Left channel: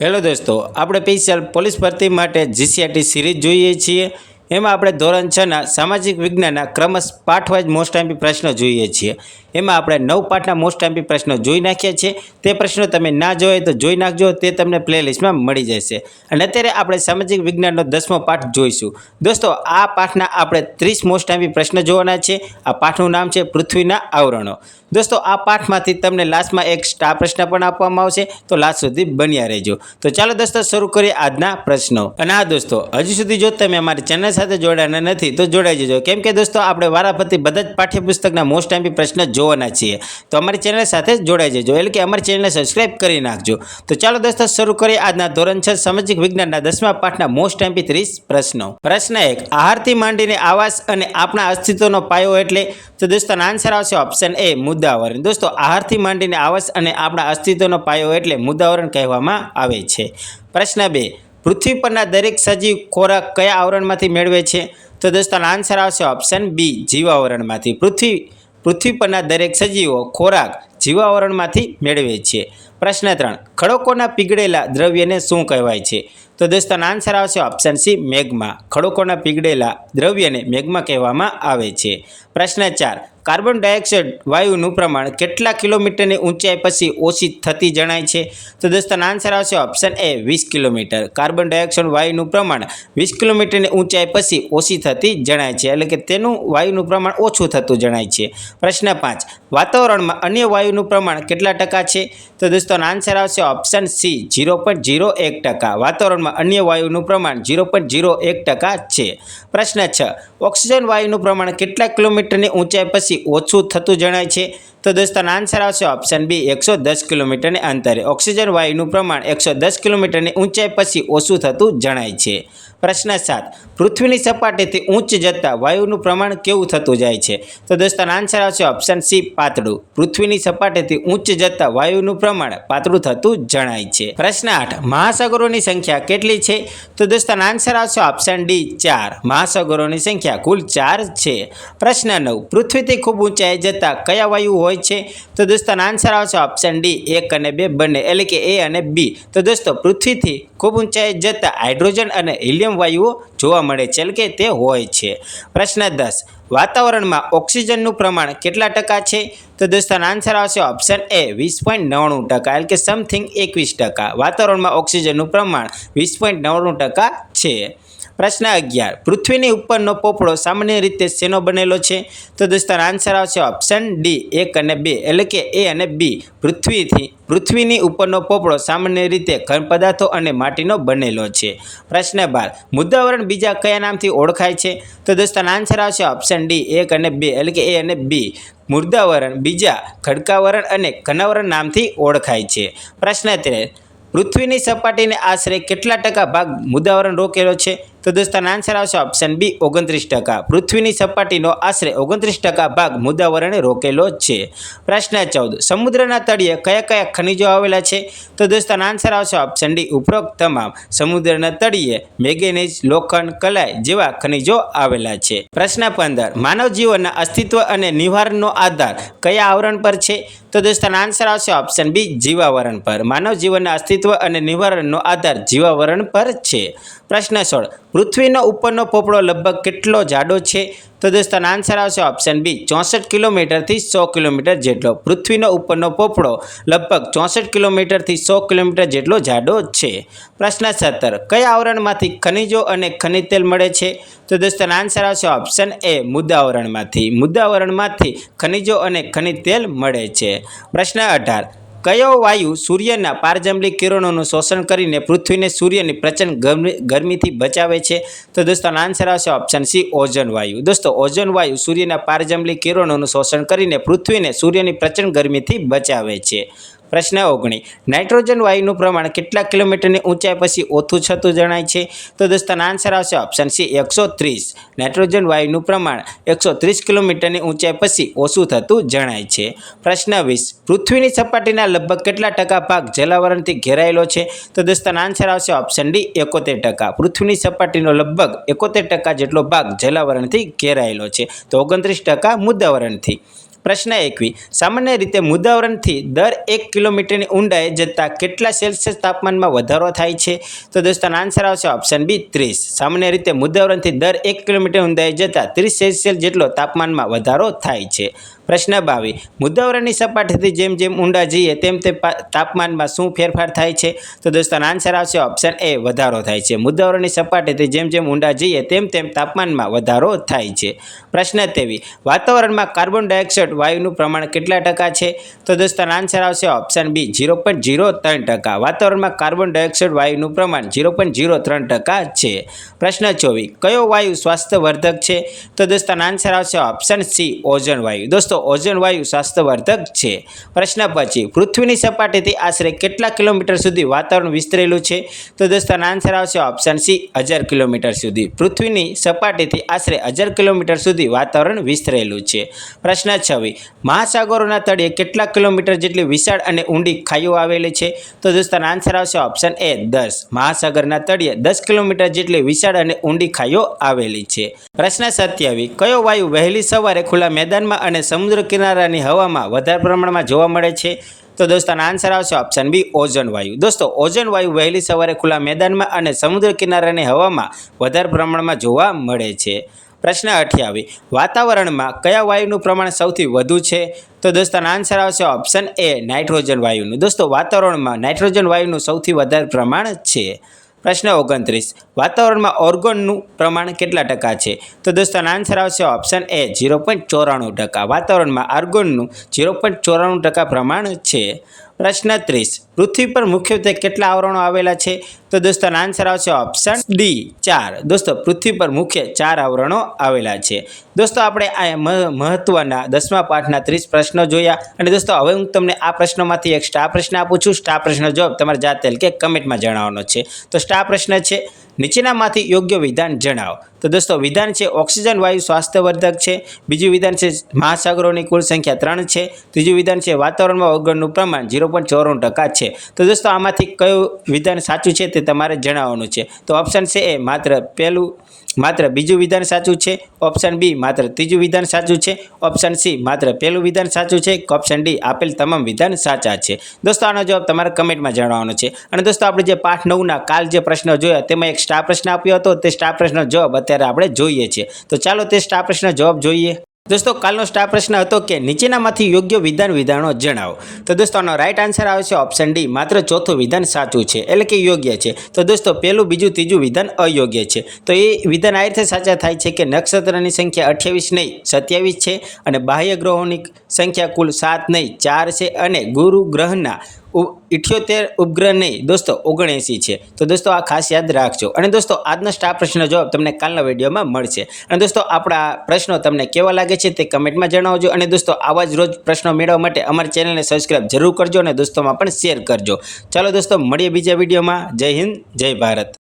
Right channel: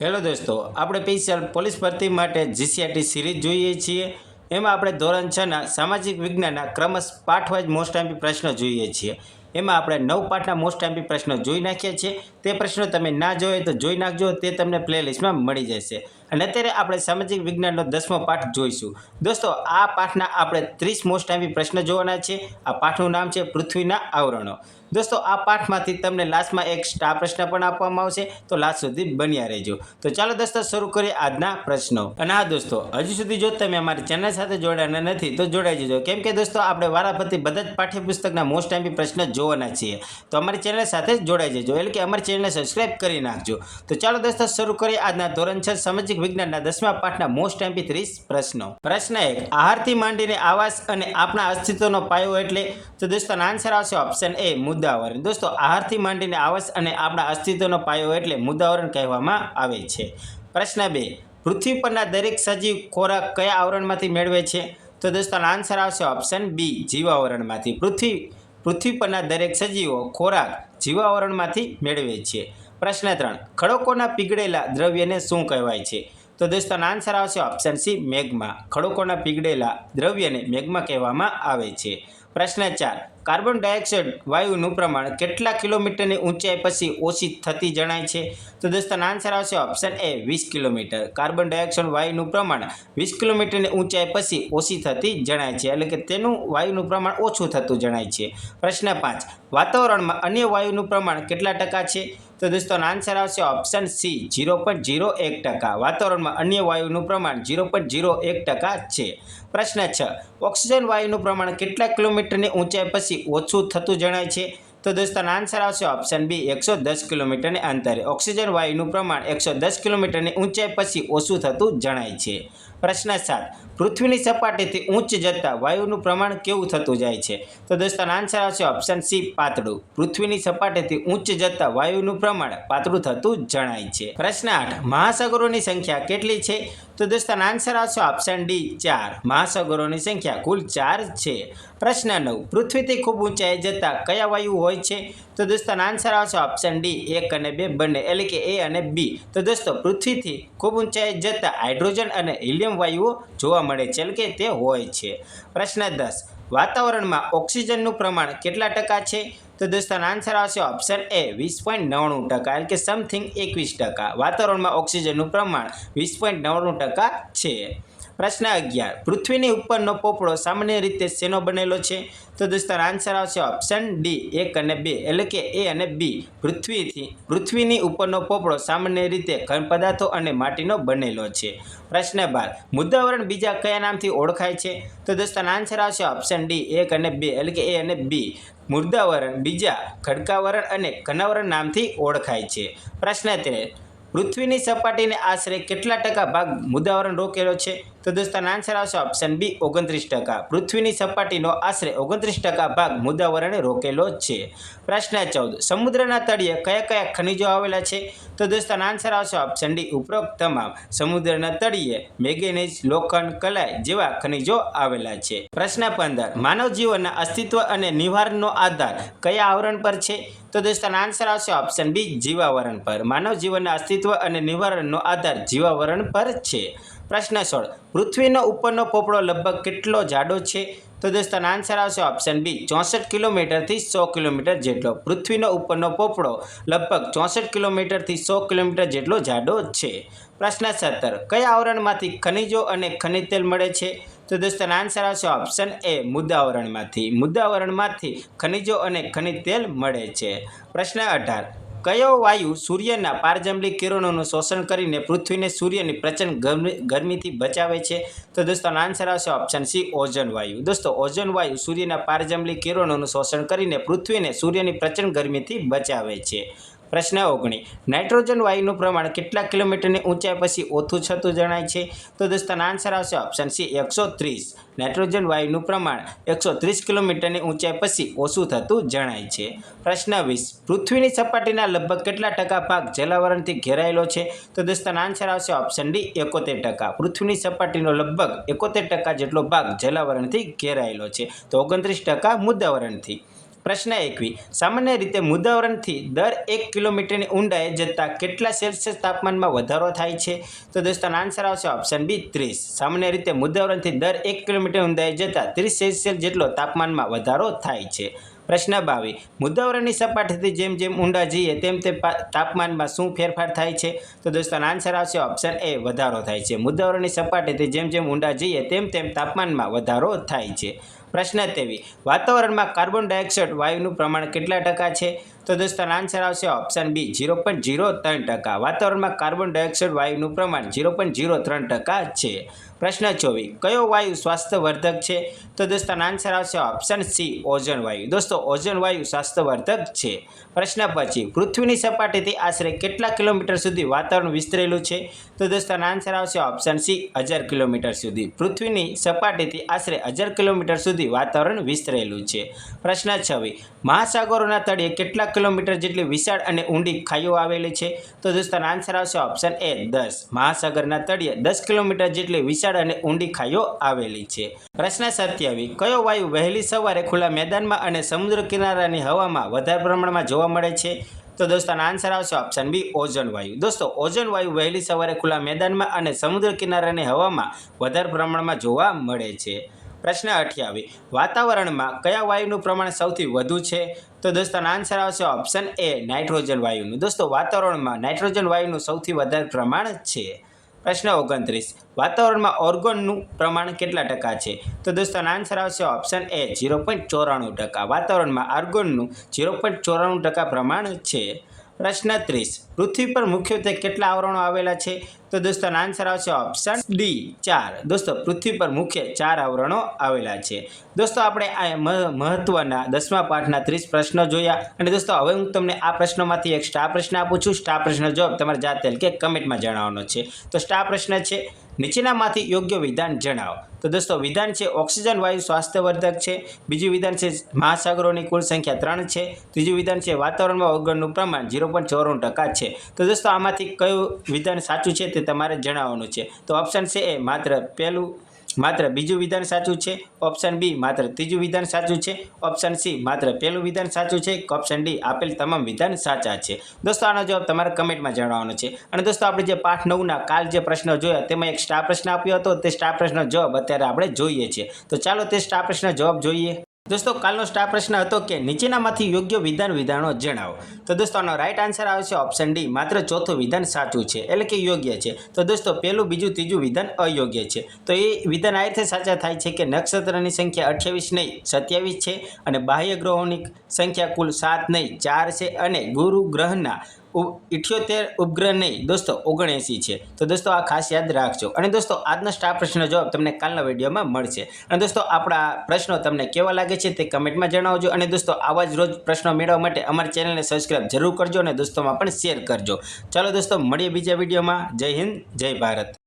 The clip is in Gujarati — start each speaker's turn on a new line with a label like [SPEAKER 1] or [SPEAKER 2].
[SPEAKER 1] હેલો દોસ્તો આપણે સ્પેશિયલ પોલીસ ભરતી માટે જીસીઆરટી સિરીઝ જોઈએ છીએ. એમાં આપણે ધોરણ છના સામાજિક વિજ્ઞાનના ક્રમશ પાઠવાઇઝ મોસ્ટ ટાઈમ્પી પ્રશ્નો જોઈએ છીએ. એમાં આપણે નવ પાઠના મોસ્ટ ટાઈમ્પી પ્રશ્નો જોઈ નાખ્યા છે. તે પ્રશ્નો તમે ના જોઈએ તો જોઈ નાખજો. તે તમને પ્લેલિસ્ટમાં મળી જશે. અને અત્યારે આપણે સામાજિક વિજ્ઞાનનો દસમો પાઠ જોઈશું. દોસ્તો, આ પાઠના આપણે ત્રીસ મોસ્ટ ટાઈમ્પી પ્રશ્ન જોવાના છે. આ પાઠનું નામ છે પૃથ્વીના આવરણો. દોસ્તો, આ પાઠમાંથી તમને લાસ્ટમાં એક સ્ટાર પ્રશ્ન પણ આપવામાં આવશે. તો લાસ્ટ સુધી બન્યા રહેજો. તો ચાલો દોસ્તો, શરૂ કરીએ આજના પ્રશ્નો. અને હા દોસ્તો, હજુ સુધી જો તમે અમારી ચેનલ સાથે જોડાયા નથી, તો જોડાઈ જજો. કેમ કે દોસ્તો, આપણે વારાફરતી બધા જ પાઠ્યપુસ્તકના મોસ્ટ ટાઈમથી પ્રશ્ન જોવાના છીએ. તો અમારી ચેનલ સાથે જોડાઈ જજો, એટલે કે અમારી ચેનલને સબસ્ક્રાઈબ કરી નાખજો. તો ચાલો દોસ્તો, શરૂ કરીએ આજના ધોરણ છ, સામાજિક વિજ્ઞાનના દસમા પાઠના મોસ્ટ ટાઈમથી ત્રીસ પ્રશ્નો. પ્રશ્ન એક, આહારથી માંડીને આવાસ અને આપણા અસ્તિત્વનો પાયો એટલે? તો દોસ્તો આન્સર આવશે ઓપ્શન એ મુદ્દાવરણ. દોસ્તો, આહારથી માંડીને આવાસ અને આપણા અસ્તિત્વનો પાયો એટલે મુદ્દાવરણ કહેવામાં આવે છે. પ્રશ્ન બે પૃથ્વી પરના દરેક સજીવ ખોરાક કયા આવરણમાંથી મેળવે છે? તો દોસ્તો આન્સર આવશે ઓપ્શન બી જીવાવરણમાંથી. પૃથ્વી પૃથ્વી પરના દરેક સજીવો ખોરાક જીવાવરણમાંથી મેળવે છે. પ્રશ્ન ત્રણ, ખડકોના પીગળેલા દ્રવ્યને શું કહેવાય છે? તો દોસ્તો આન્સર આવશે ઓપ્શન સી મેઘમાં ખડકોના પીગળેલા દ્રવ્યને મેઘમાં કહેવામાં આવે છે. પ્રશ્ન ચાર. કાર્બન ડાયોક્સાઇડ વાયુનું પ્રમાણ કેટલા કિલોમીટરની ઊંચાઈ પછી ઓછી થતી જણાય છે? તો દોસ્તો આન્સર આવશે ઓપ્શન એ વીસ કિલોમીટર. કાર્બન ડાયોક્સાઇડ વાયુનું પ્રમાણ વીસ કિલોમીટરની ઊંચાઈ પછી ઓછી થતી જણાય છે. એટલે કે તેનું વાયુનું પ્રમાણ ઓછું થતું જણાય છે. પ્રશ્ન પાંચ. વાતાવરણમાં અન્ય વાયુનું પ્રમાણ કેટલા ટકા છે? તો દોસ્તો આન્સર આવશે option C zero point zero એક ટકા. વાતાવરણમાં અન્ય વાયુનું પ્રમાણ ઝીરો પોઈન્ટ ઝીરો એક ટકા છે. પ્રશ્ન છ. ઓક્સિજન વાયુનું પ્રમાણ કેટલા કિલોમીટરની ઊંચાઈ પછી ઓછું થતું જણાય છે. તો દોસ્તો આન્સર આવશે ઓપ્શન બી એકસો દસ કિલોમીટરની અંતરે. ઓક્સિજન, વાયુનું પ્રમાણ એકસો દસ કિલોમીટરની ઊંચાઈ પછી ઓછું થતું જણાય છે. પ્રશ્ન સાત. પૃથ્વીની સપાટીથી ઊંચ જતાં વાયુનું પ્રમાણ કેવું થતું જાય છે? તો દોસ્તો આન્સર આવશે ઓપ્શન સી પાતળું. પૃથ્વીની સપાટીથી ઊંચ જતાં વાયુનું પ્રમાણ પાતળું થતું જણાય છે. પ્રશ્ન આઠ. મહાસાગરોની સંખ્યા કેટલી છે? તો દોસ્તો આન્સર આવશે ઓપ્શન ડી ચાર. મહાસાગરોની સંખ્યા કુલ ચાર છે. પ્રશ્ન નવ. પૃથ્વીથી ખૂબ ઊંચાઈ જતાં કયા વાયુ હોય છે? તો દોસ્તો આન્સર આવશે ઓપ્શન ડી એક અને બે બંને. એટલે કે એ અને બી તો દોસ્તો, પૃથ્વીથી ખૂબ ઊંચાઈ જતાં હાઇડ્રોજન અને હિલિયમ વાયુઓ જોવા મળે છે. કે તે હોય છે. પ્રશ્ન દસ. વાતાવરણમાં ઓક્સિજનનું પ્રમાણ કેટલા ટકા છે? તો દોસ્તો આન્સર આવશે ઓપ્શન એ વીસ પોઈન્ટ નવ્વાણું ટકા. એટલે કે સમથિંગ એકવીસ ટકા. વાતાવરણમાં ઓક્સિજનનું પ્રમાણ વીસ પોઈન્ટ નવ્વાણું ટકા છે. પ્રશ્ન અગિયાર. પૃથ્વીની ઉપરનો પોપડો સામાન્ય રીતે શેનો બનેલો છે? તો દોસ્તો આન્સર આવશે ઓપ્શન ડી એક અને બે એટલે કે એ અને બી પૃથ્વીથી, પૃથ્વીની ઉપરનો પોપડો સામાન્ય રીતે ઘન પદાર્થો અને માટીનો બનેલો છે. પ્રશ્ન બાર. મુદ્દાવરણ બીજા કયા નામથી ઓળખાય છે? તો દોસ્તો આન્સર આવશે ઓપ્શન ડી એક અને બે એટલે કે એ અને બી મુદ્દાવરણ બીજા ખડકાવરણ અને ઘનાવરણ નામથી ઓળખાય છે. પ્રશ્ન તેર. પૃથ્વીની સપાટીને આશરે કેટલા ટકા ભાગ મુદ્દાવરણ રોકેલો છે? તો દોસ્તો આન્સર આવશે ઓપ્શન બી ઓગણત્રીસ ટકા. પૃથ્વીની સપાટીનો આશરે ઓગણત્રીસ ટકા ભાગ મુદાવરણે રોકેલો છે. પ્રશ્ન ચૌદ, સમુદ્રના તળિયે કયા કયા ખનિજો આવેલા છે? તો દોસ્તો આન્સર આવશે ઓપ્શન ડી ઉપરોક્ત તમામ. સમુદ્રના તળિયે મેગેનેજ લોખંડ, કલાય જેવા ખનિજો આવેલા છે. પ્રશ્ન પંદર માનવ જીવનના અસ્તિત્વ અને નિવારણનો આધાર કયા આવરણ પર છે? તો દોસ્તો આન્સર આવશે ઓપ્શન બી જીવાવરણ પર. માનવ જીવનના અસ્તિત્વ અને નિવારણનો આધાર જીવાવરણ પર છે. પ્રશ્ન સોળ પૃથ્વીનો ઉપરનો પોપડો લગભગ કેટલો જાડો છે? તો દોસ્તો આન્સર આવશે ઓપ્શન બી ચોસઠ કિલોમીટરથી સો કિલોમીટર જેટલો. પૃથ્વીનો ઉપરનો પોપડો લગભગ ચોસઠ કિલોમીટરથી સો કિલોમીટર જેટલો જાડો છે. પ્રશ્ન સત્તર, કયા આવરણમાંથી ખનિજો અને ખનિજ તેલ મળે છે? તો દોસ્તો આન્સર આવશે ઓપ્શન એ મુદ્દાવરણમાંથી મુદ્દાવરણમાંથી ખનિજો અને ખનિજ તેલ મળે છે. પ્રશ્ન અઢાર કયો વાયુ સૂર્યના પારજંબલી કિરણોનું શોષણ કરીને પૃથ્વીને સૂર્યની પ્રચંડ ગરમી, ગરમીથી બચાવે છે? તો દોસ્તો આન્સર આવશે ઓપ્શન સી ઓઝોન વાયુ. દોસ્તો, ઓઝોન વાયુ સૂર્યના પારજંબલી કિરણોનું શોષણ કરીને પૃથ્વીને સૂર્યની પ્રચંડ ગરમીથી બચાવે છે. પ્રશ્ન ઓગણી. નાઇટ્રોજન વાયુનું પ્રમાણ કેટલા કિલોમીટરની ઊંચાઈ પછી ઓછું થતું જણાય છે? તો દોસ્તો આન્સર આવશે ઓપ્શન સી એકસો ત્રીસ. નાઇટ્રોજન વાયુનું પ્રમાણ એકસો ત્રીસ કિલોમીટરની ઊંચાઈ પછી ઓછું થતું જણાય છે. પ્રશ્ન વીસ. પૃથ્વીની સપાટીના લગભગ કેટલા ટકા ભાગ જલાવરણથી ઘેરાયેલો છે? તો દોસ્તો આન્સર આવશે ઓપ્શન ડી એકોતેર ટકા. પૃથ્વીની સપાટીનો લગભગ એકોતેર ટકા જેટલો ભાગ જલાવરણથી ઘેરાયેલો છે. તો ઓગણત્રીસ ટકા મુદ્દાવરણથી. પ્રશ્ન એકવી. સામાન્ય રીતે મુદ્દાવરણથી દર એક કિલોમીટરની ઊંડાએ જતાં કેટલા સેલ્સિયસ તાપમાનમાં વધારો થાય છે? તો દોસ્તો આન્સર આવશે ઓપ્શન બી ત્રીસ. સામાન્ય રીતે મુદ્દાવરણથી દર એક કિલોમીટર ઊંડાઈ જતાં ત્રીસ સેલ્સિયસ જેટલો તાપમાનમાં વધારો થાય છે. પ્રશ્ન બાવી મુદ્દાવરણની સપાટીથી જેમ જેમ ઊંડા જઈએ, તેમ તેમ તાપમાનમાં શું ફેરફાર થાય છે? તો દોસ્તો આન્સર આવશે ઓપ્શન એ વધારો થાય છે. મુદ્દાવરણની સપાટીથી જેમ જેમ ઊંડા જઈએ, તેમ તેમ તાપમાનમાં વધારો થાય છે. પ્રશ્ન તેવી. વાતાવરણમાં કાર્બન ડાયોક્સાઇડ વાયુનું પ્રમાણ કેટલા ટકા છે? તો દોસ્તો આન્સર આવશે option B zero point zero ત્રણ ટકા. વાતાવરણમાં કાર્બન ડાયોક્સાઇડ વાયુનું પ્રમાણ ઝીરો પોઈન્ટ ઝીરો ત્રણ ટકા છે. પ્રશ્ન ચોવીસ, કયો વાયુ સ્વાસ્થ્યવર્ધક છે? તો દોસ્તો આન્સર આવશે ઓપ્શન સી ઓઝોન વાયુ. દોસ્તો, ઓઝોન વાયુ સ્વાસ્થ્યવર્ધક છે. પ્રશ્ન પછી, પૃથ્વીની સપાટીથી આશરે કેટલા કિલોમીટર સુધી વાતાવરણ વિસ્તરેલું છે? તો દોસ્તો આન્સર આવશે ઓપ્શન સી હજાર કિલોમીટર સુધી. પૃથ્વીની સપાટીથી આશરે હજાર કિલોમીટર સુધી વાતાવરણ વિસ્તરેલું છે. પ્રશ્ન છવ્વી મહાસાગરોના તળિયે કેટલા કિલોમીટર જેટલી વિશાળ અને ઊંડી ખાઈઓ આવેલી છે? તો દોસ્તો આન્સર આવશે ઓપ્શન એ દસ. મહાસાગરના તળિયે દસ કિલોમીટર જેટલી વિશાળ અને ઊંડી ખાઈઓ આવેલી છે. પ્રશ્ન સત્યાવી. કયો વાયુ વહેલી સવારે ખુલ્લા મેદાનમાં અને સમુદ્ર કિનારાની હવામાં વધારે પ્રમાણમાં જોવા મળે છે? તો દોસ્તો આન્સર આવશે ઓપ્શન બી ઓઝોન વાયુ. દોસ્તો, ઓઝોન વાયુ વહેલી સવારે ખુલ્લા મેદાનમાં અને સમુદ્ર કિનારાની હવામાં વધારે પ્રમાણમાં જોવા મળે છે. પ્રશ્ન અઠ્યાવીસ વાતાવરણમાં કયા વાયુનું પ્રમાણ સૌથી વધુ છે? તો દોસ્તો આન્સર આવશે ઓપ્શન એ નાઇટ્રોજન વાયુનું. દોસ્તો, વાતાવરણમાં નાઇટ્રોજન વાયુનું સૌથી વધારે પ્રમાણ છે? પ્રશ્ન ઓગણત્રીસ. વાતાવરણમાં ઓર્ગોનનું પ્રમાણ કેટલા ટકા છે? તો દોસ્તો આન્સર આવશે ઓપ્શન એ ઝીરો પોઈન્ટ ચોરાણું ટકા. વાતાવરણમાં આર્ગોનનું ઝીરો પોઈન્ટ ચોરાણું ટકા પ્રમાણ છે. પ્રશ્ન ત્રીસ. પૃથ્વી પર મુખ્યત્વે કેટલા આવરણો આવેલા છે? તો દોસ્તો આન્સર આવશે ઓપ્શન ડી ચાર. દોસ્તો, પૃથ્વી પર મુખ્ય ચાર આવરણો આવેલા છે. દોસ્તો, આપણે આ મહત્વના દસમા પાઠના ત્રીસ પ્રશ્નો જોયા. અને દોસ્તો, હવે હું તમને આ પ્રશ્નોમાંથી એક સ્ટાર પ્રશ્ન આપું છું. સ્ટાર પ્રશ્ન જવાબ તમારે જાતે કે કમેન્ટમાં જણાવવાનો છે. તો સ્ટાર પ્રશ્ન છે, નીચેનામાંથી યોગ્ય વિધાન જણાવો. તો દોસ્તો, વિધાન છે ઓક્સિજન, વાયુ સ્વાસ્થ્યવર્ધક છે. બીજું વિધાન છે મહાસાગરોની કુલ સંખ્યા ત્રણ છે. ત્રીજું વિધાન છે વાતાવરણમાં ઓગણનું પ્રમાણ ઝીરો પોઈન્ટ ચોરાણું ટકા છે. તો દોસ્તો, આમાંથી કયું વિધાન સાચું છે તે તમારે જણાવવાનું છે. તો ઓપ્શન છે એ માત્ર પહેલું, માત્ર બીજું વિધાન સાચું છે. ઓપ્શન બી માત્ર ત્રીજું વિધાન સાચું છે. ઓપ્શન સી માત્ર પહેલું વિધાન સાચું છે. ઓપ્શન ડી આપેલ તમામ વિધાન સાચા છે. દોસ્તો, આનો જવાબ તમારે કમેન્ટમાં જણાવવાનો છે. અને દોસ્તો, આપણે જે પાઠ નવના કાલ જે પ્રશ્ન જોયા, તેમાં એક સ્ટાર પ્રશ્ન આપ્યો હતો. તે સ્ટાર પ્રશ્નનો જવાબ અત્યારે આપણે જોઈએ છીએ. તો ચાલો તે સ્ટાર પ્રશ્ન જવાબ જોઈએ. દોસ્તો, કાલનો સ્ટાર પ્રશ્ન હતો કે નીચેનામાંથી યોગ્ય વિધાન વિધાનો જણાવો. તો દોસ્તો, આનો રાઈટ આન્સર આવે છે ઓપ્શન ડી માત્ર ચોથું વિધાન સાચું છે, એટલે કે યોગ્ય છે. તો દોસ્તો પહેલું બીજું, ત્રીજું વિધાન અયોગ્ય છે. તો એ વિધાન આ રીતે સાચા થાય છે કે નક્ષત્રની સંખ્યા અઠ્યાવીસ નહીં, સત્યાવીસ છે અને બાહ્ય ગ્રહોની સંખ્યા કુલ સાત નહીં, ચાર છે અને ગુરુ ગ્રહના ઇઠ્યોતેર ઉપગ્રહ નહીં, દોસ્તો, ઓગણએંસી છે. તો દોસ્તો, આ ખાસ યાદ રાખજો. અને દોસ્તો, આજનો સ્ટાર પ્રશ્નનો જવાબ તમને કાલના વિડીયોમાં મળશે. અને દોસ્તો, આપણા પ્રશ્નો તમને કેવા લાગે છે તે કમેન્ટમાં જણાવજો. અને દોસ્તો, આવા જ રોજ પ્રશ્નો મેળવવા માટે અમારી ચેનલને સબસ્ક્રાઈબ જરૂર કરજો અને દોસ્તોમાં પણ શેર કરજો. ચાલો દોસ્તો, મળીએ બીજા વિડીયોમાં. જય હિન્દ, જય ભારત.